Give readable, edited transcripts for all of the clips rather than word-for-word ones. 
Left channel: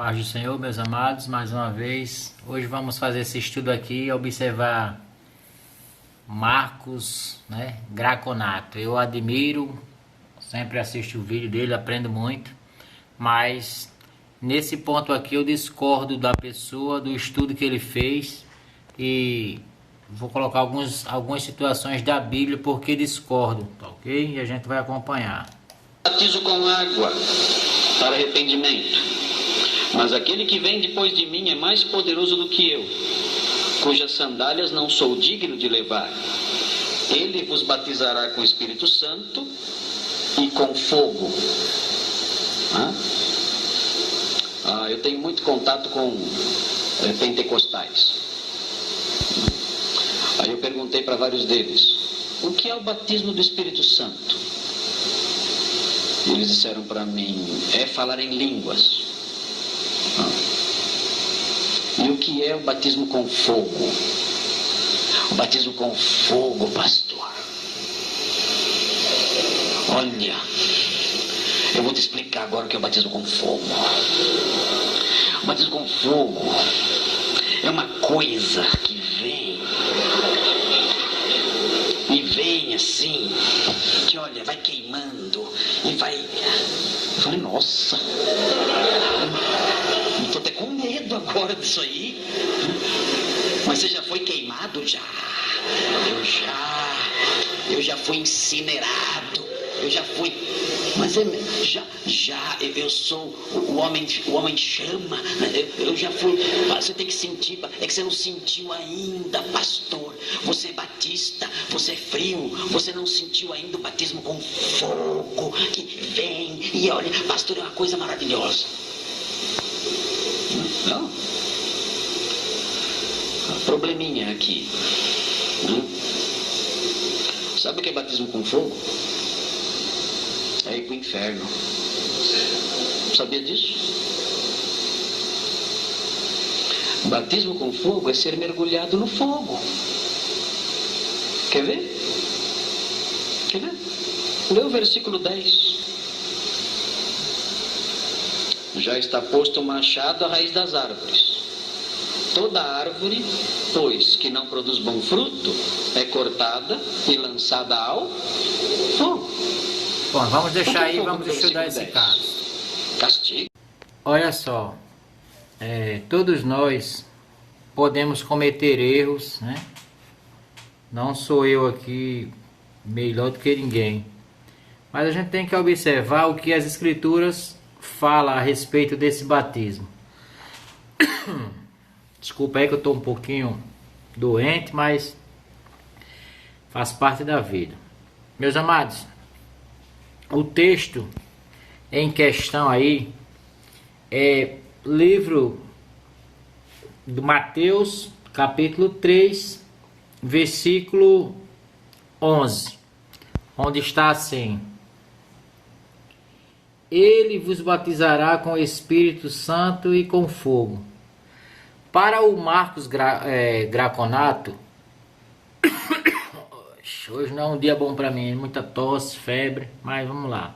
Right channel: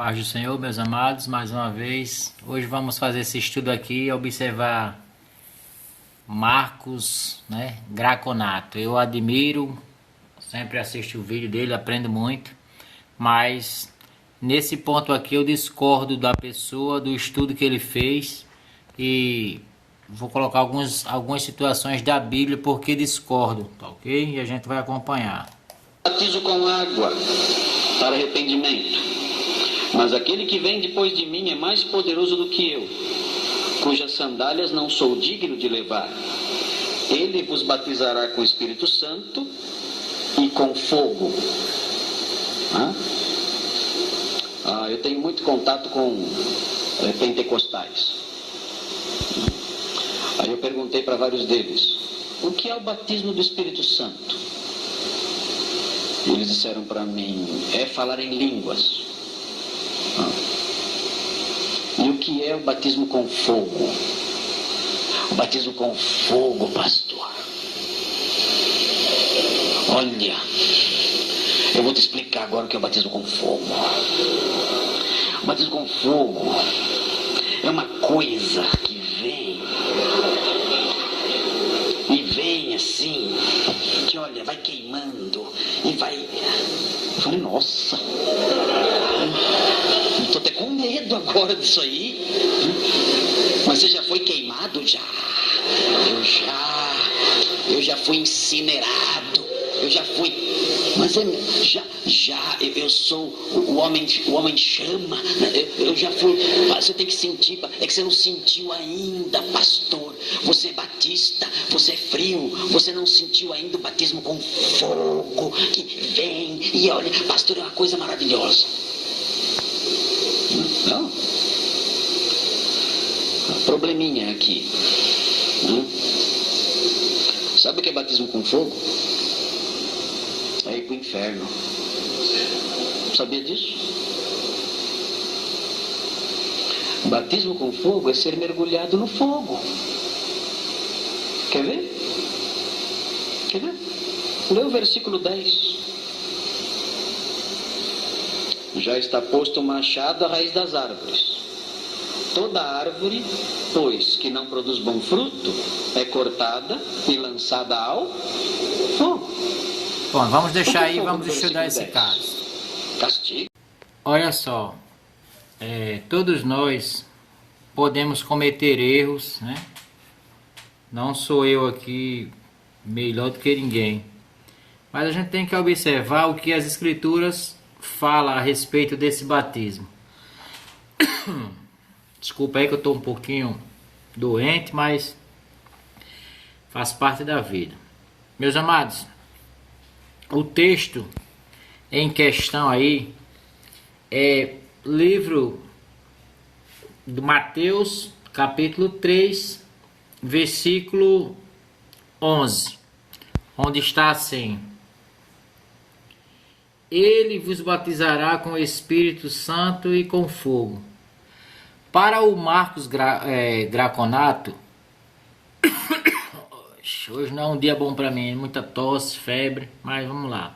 Paz do Senhor, meus amados, mais uma vez. Hoje vamos fazer esse estudo aqui e observar Marcos, Graconato. Eu admiro, sempre assisto o vídeo dele, aprendo muito, mas nesse ponto aqui eu discordo da pessoa, do estudo que ele fez e vou colocar algumas situações da Bíblia porque discordo, tá ok? E a gente vai acompanhar. Batizo com água para arrependimento. Mas aquele que vem depois de mim é mais poderoso do que eu, cujas sandálias não sou digno de levar. Ele vos batizará com o Espírito Santo e com fogo. Eu tenho muito contato com pentecostais. Aí eu perguntei para vários deles, o que é o batismo do Espírito Santo? E eles disseram para mim, é falar em línguas. E o que é o batismo com fogo? O batismo com fogo, pastor. Olha, eu vou te explicar agora o que é o batismo com fogo. O batismo com fogo é uma coisa que vem assim, que olha, vai queimando e vai... Eu falei, nossa, tô até com medo agora disso aí. Mas você já foi queimado? Já. Eu já fui incinerado. Eu já fui... Mas eu sou o homem chama. Eu já fui... Você tem que sentir. É que você não sentiu ainda, pastor. Você é batista, você é frio. Você não sentiu ainda o batismo com fogo que vem. E olha, pastor, é uma coisa maravilhosa. Não? Probleminha aqui. Sabe o que é batismo com fogo? É ir pro inferno. Sabia disso? Batismo com fogo é ser mergulhado no fogo. Quer ver? Lê o versículo 10. Já está posto o machado à raiz das árvores. Toda árvore, pois, que não produz bom fruto, é cortada e lançada ao fogo. Bom, vamos deixar aí, vamos estudar esse caso. Castigo. Olha só, todos nós podemos cometer erros, Não sou eu aqui melhor do que ninguém. Mas a gente tem que observar o que as escrituras falam a respeito desse batismo. Desculpa aí que eu estou um pouquinho doente, mas faz parte da vida. Meus amados, o texto em questão aí é livro de Mateus, capítulo 3, versículo 11, onde está assim: Ele vos batizará com o Espírito Santo e com fogo. Para o Marcos Graconato, hoje não é um dia bom para mim, muita tosse, febre, mas vamos lá.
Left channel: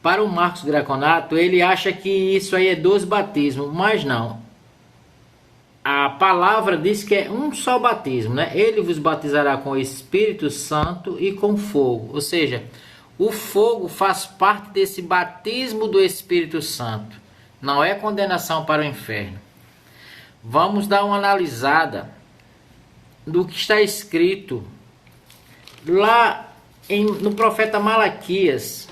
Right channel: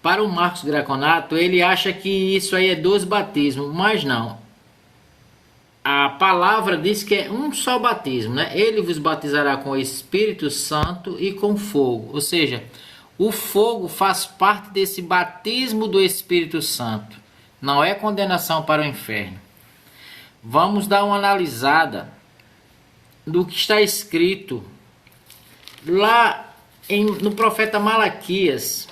Para o Marcos Graconato, ele acha que isso aí é 2 batismos, mas não. A palavra diz que é um só batismo, Ele vos batizará com o Espírito Santo e com fogo. Ou seja, o fogo faz parte desse batismo do Espírito Santo. Não é condenação para o inferno. Vamos dar uma analisada do que está escrito lá no profeta Malaquias,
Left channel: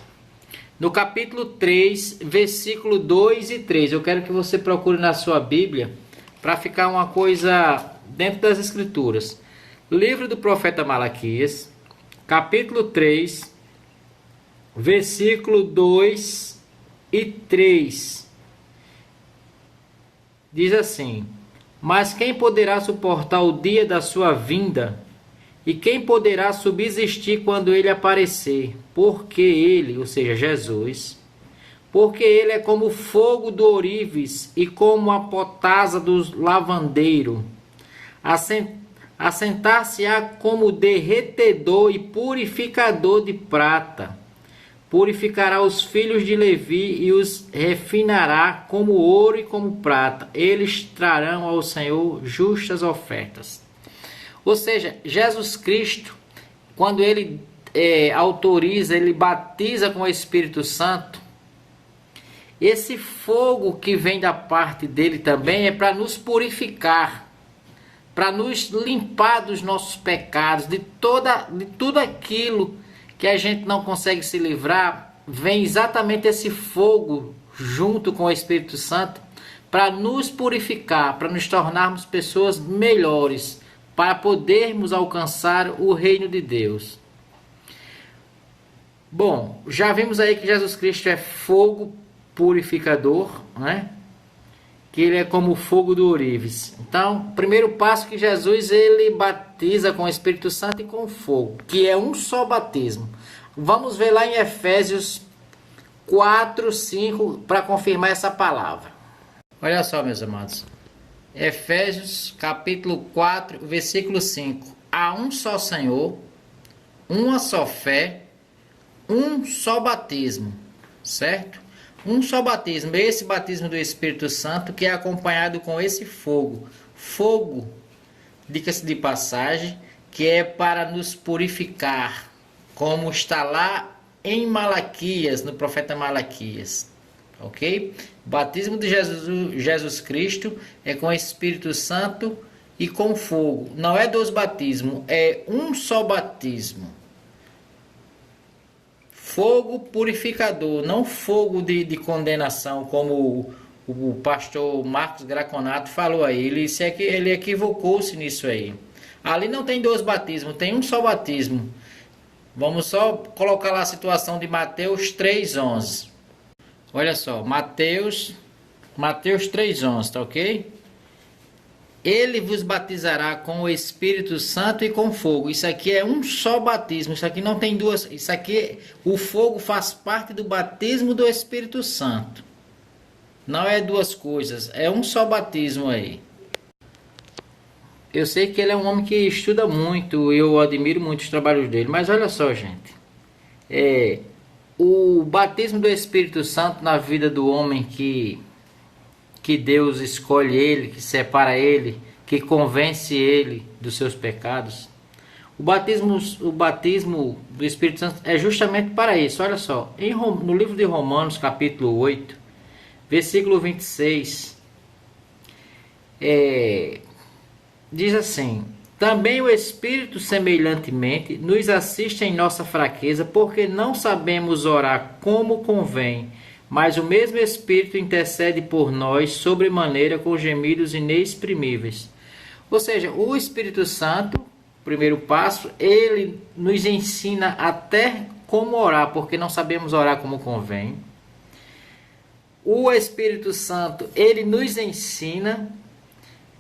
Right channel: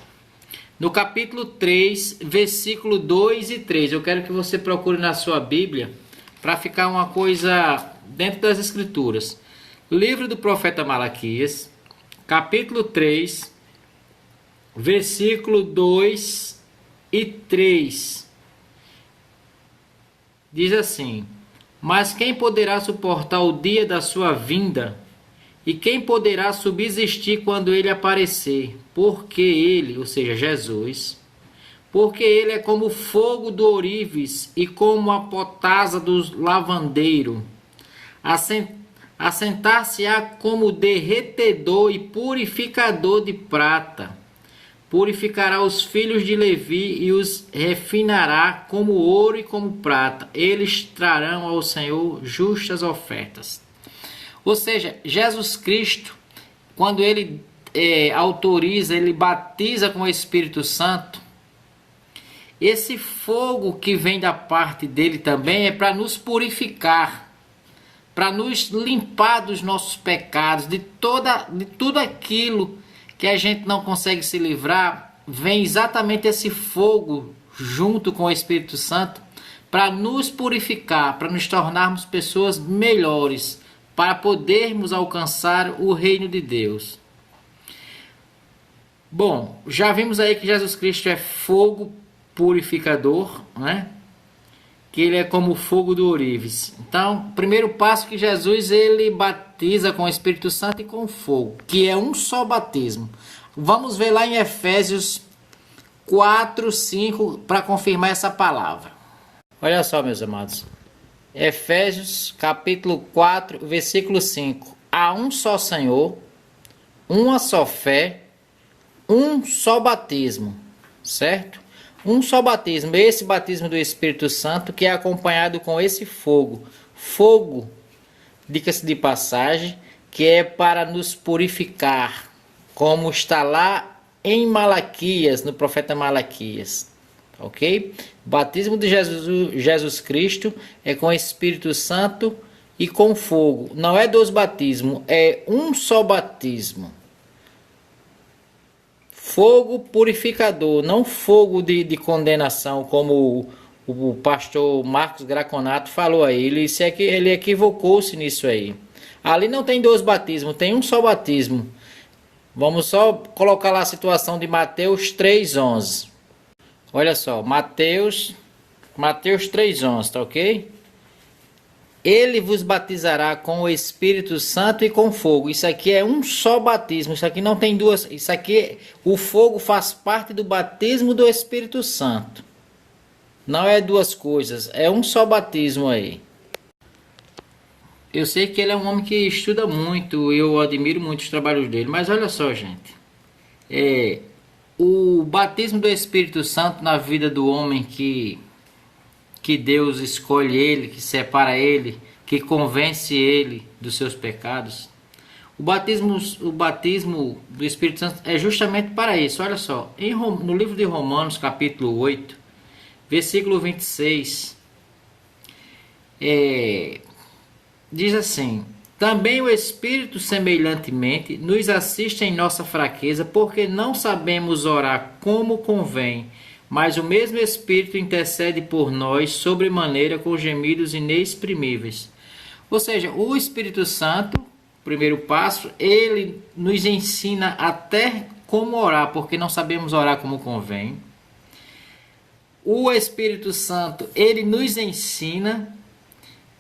no capítulo 3, versículo 2 e 3. Eu quero que você procure na sua Bíblia para ficar uma coisa dentro das escrituras. Livro do profeta Malaquias, capítulo 3, versículo 2 e 3. Diz assim: Mas quem poderá suportar o dia da sua vinda? E quem poderá subsistir quando ele aparecer? Porque ele, ou seja, Jesus, porque ele é como o fogo do ourives e como a potasa do lavandeiro. Assentar-se-á como derretedor e purificador de prata. purificará os filhos de Levi e os refinará como ouro e como prata. Eles trarão ao Senhor justas ofertas. Ou seja, Jesus Cristo, quando ele autoriza, ele batiza com o Espírito Santo, esse fogo que vem da parte dele também é para nos purificar, para nos limpar dos nossos pecados, de tudo aquilo que a gente não consegue se livrar. Vem exatamente esse fogo junto com o Espírito Santo para nos purificar, para nos tornarmos pessoas melhores, para podermos alcançar o reino de Deus. Bom, já vimos aí que Jesus Cristo é fogo purificador, né? Que ele é como o fogo do ourives. Então, o primeiro passo que Jesus ele batiza com o Espírito Santo e com fogo, que é um só batismo. Vamos ver lá em Efésios 4, 5 para confirmar essa palavra. Olha só, meus amados. Efésios capítulo 4, versículo 5. Há um só Senhor, uma só fé, um só batismo, certo? Um só batismo, esse batismo do Espírito Santo que é acompanhado com esse fogo. Fogo, diga-se de passagem, que é para nos purificar, como está lá em Malaquias, no profeta Malaquias. Ok? O batismo de Jesus Cristo é com o Espírito Santo e com fogo. Não é dois batismos, é um só batismo. Fogo purificador, não fogo de condenação, como o pastor Marcos Graconato falou aí. Ele equivocou-se nisso aí. Ali não tem dois batismos, tem um só batismo. Vamos só colocar lá a situação de Mateus 3,11. Olha só, Mateus 3,11, tá ok? Ele vos batizará com o Espírito Santo e com fogo. Isso aqui é um só batismo. Isso aqui não tem duas. Isso aqui, o fogo faz parte do batismo do Espírito Santo. Não é duas coisas. É um só batismo aí. Eu sei que ele é um homem que estuda muito. Eu admiro muito os trabalhos dele. Mas olha só, gente. O batismo do Espírito Santo na vida do homem que Deus escolhe ele, que separa ele, que convence ele dos seus pecados. O batismo do Espírito Santo é justamente para isso. Olha só, no livro de Romanos, capítulo 8, versículo 26, diz assim: também o Espírito semelhantemente nos assiste em nossa fraqueza, porque não sabemos orar como convém, mas o mesmo Espírito intercede por nós sobremaneira com gemidos inexprimíveis. Ou seja, o Espírito Santo, primeiro passo, ele nos ensina até como orar, porque não sabemos orar como convém. O Espírito Santo, ele nos ensina,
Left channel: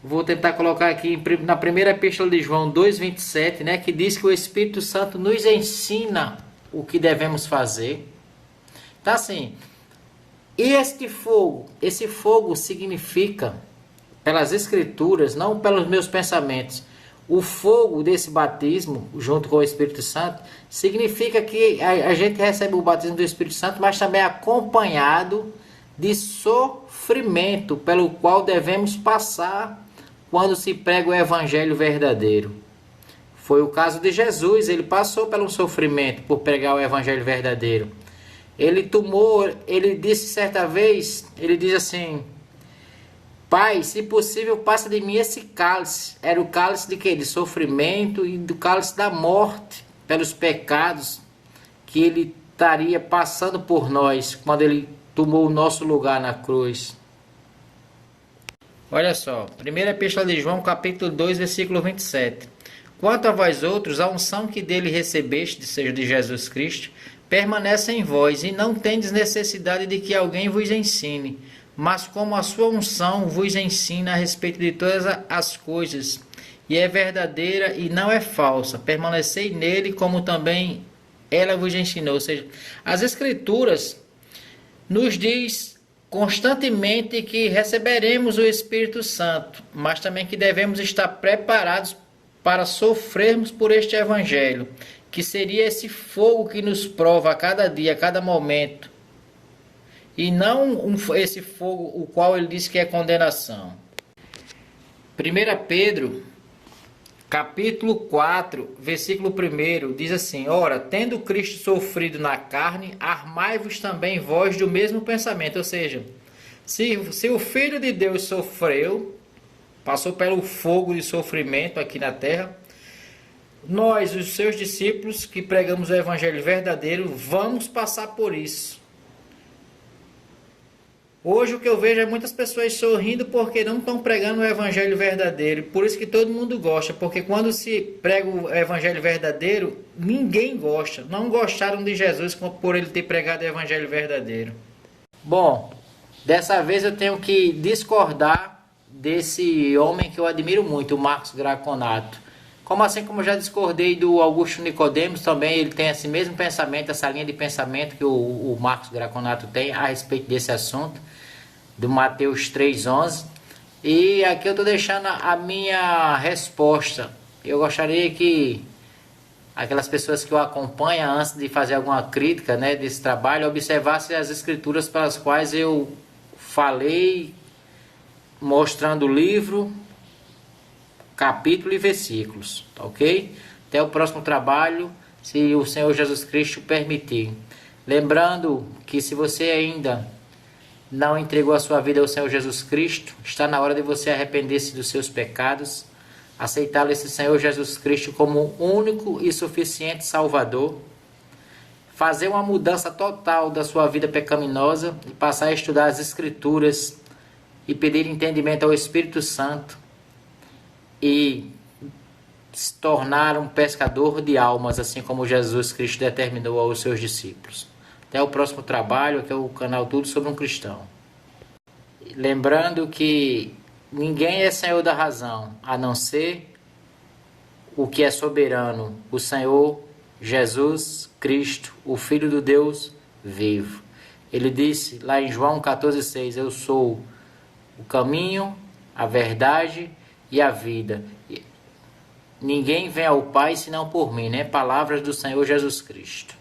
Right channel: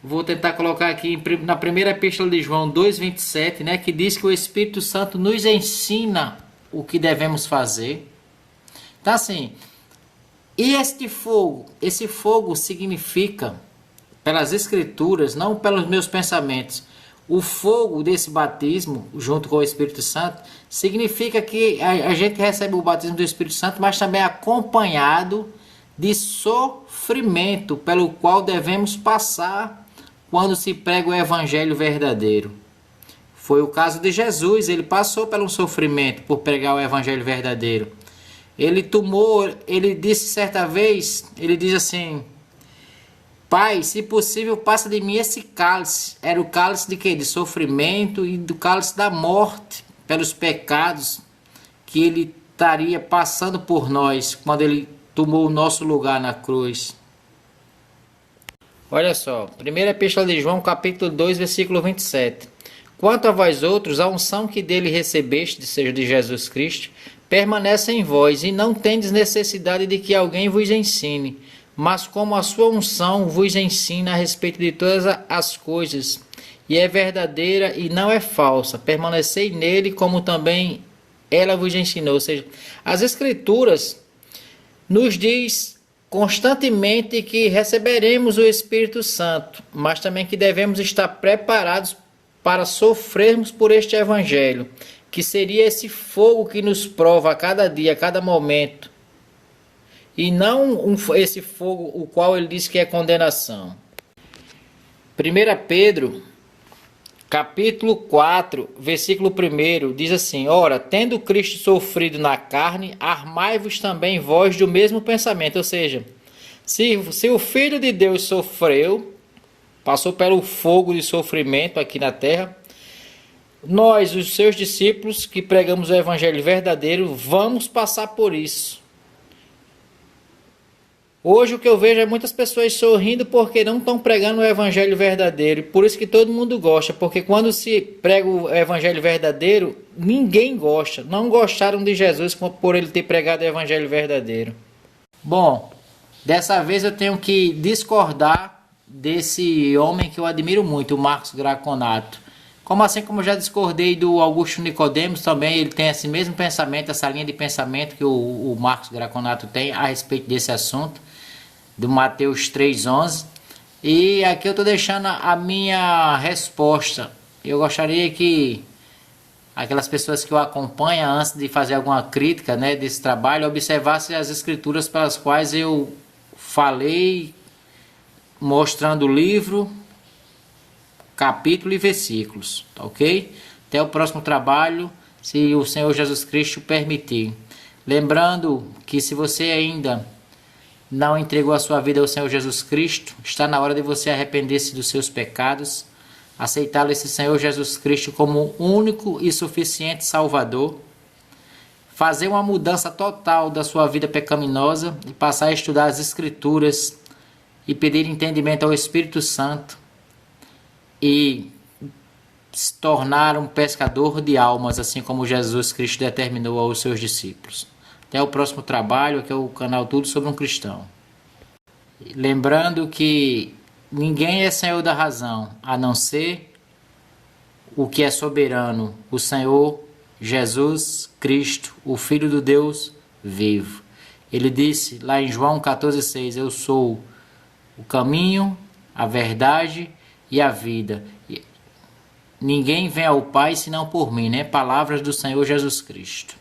vou tentar colocar aqui na primeira epístola de João 2,27, né, que diz que o Espírito Santo nos ensina o que devemos fazer. Então assim, e esse fogo significa, pelas Escrituras, não pelos meus pensamentos, o fogo desse batismo, junto com o Espírito Santo, significa que a gente recebe o batismo do Espírito Santo, mas também acompanhado de sofrimento, pelo qual devemos passar quando se prega o Evangelho verdadeiro. Foi o caso de Jesus, ele passou por um sofrimento por pregar o Evangelho verdadeiro. Ele disse certa vez, ele diz assim: Pai, se possível, passa de mim esse cálice. Era o cálice de quê? De sofrimento e do cálice da morte, pelos pecados que ele estaria passando por nós, quando ele tomou o nosso lugar na cruz. Olha só, 1 Epístola de João, capítulo 2, versículo 27. Quanto a vós outros, a unção que dele recebeste, seja de Jesus Cristo, permanece em vós, e não tendes necessidade de que alguém vos ensine, mas como a sua unção vos ensina a respeito de todas as coisas, e é verdadeira e não é falsa, permanecei nele como também ela vos ensinou. Ou seja, as Escrituras nos diz constantemente que receberemos o Espírito Santo, mas também que devemos estar preparados para sofrermos por este Evangelho. que seria esse fogo que nos prova a cada dia, a cada momento, e não esse fogo o qual ele diz que é condenação. 1 Pedro, capítulo 4, versículo 1, diz assim: ora, tendo Cristo sofrido na carne, armai-vos também vós do mesmo pensamento. Ou seja, se o Filho de Deus sofreu, passou pelo fogo de sofrimento aqui na terra, nós, os seus discípulos, que pregamos o evangelho verdadeiro, vamos passar por isso. Hoje o que eu vejo é muitas pessoas sorrindo porque não estão pregando o evangelho verdadeiro. Por isso que todo mundo gosta, porque quando se prega o evangelho verdadeiro, ninguém gosta. Não gostaram de Jesus por ele ter pregado o evangelho verdadeiro. Bom, dessa vez eu tenho que discordar desse homem que eu admiro muito, o Marcos Graconato. Como eu já discordei do Augusto Nicodemos, também ele tem esse mesmo pensamento, essa linha de pensamento que o Marcos Graconato tem a respeito desse assunto, do Mateus 3,11. E aqui eu estou deixando a minha resposta. Eu gostaria que aquelas pessoas que o acompanham, antes de fazer alguma crítica, né, desse trabalho, observassem as escrituras pelas quais eu falei, mostrando o livro, capítulo e versículos, tá ok? Até o próximo trabalho, se o Senhor Jesus Cristo permitir. Lembrando que se você ainda não entregou a sua vida ao Senhor Jesus Cristo, está na hora de você arrepender-se dos seus pecados, aceitar esse Senhor Jesus Cristo como único e suficiente Salvador, fazer uma mudança total da sua vida pecaminosa e passar a estudar as Escrituras e pedir entendimento ao Espírito Santo e se tornar um pescador de almas, assim como Jesus Cristo determinou aos seus discípulos. Até o próximo trabalho, aqui é o canal Tudo Sobre um Cristão. Lembrando que ninguém é senhor da razão, a não ser o que é soberano, o Senhor Jesus Cristo, o Filho do Deus vivo. Ele disse lá em João 14,6, eu sou o caminho, a verdade e a vida. Ninguém vem ao Pai senão por mim, né? Palavras do Senhor Jesus Cristo.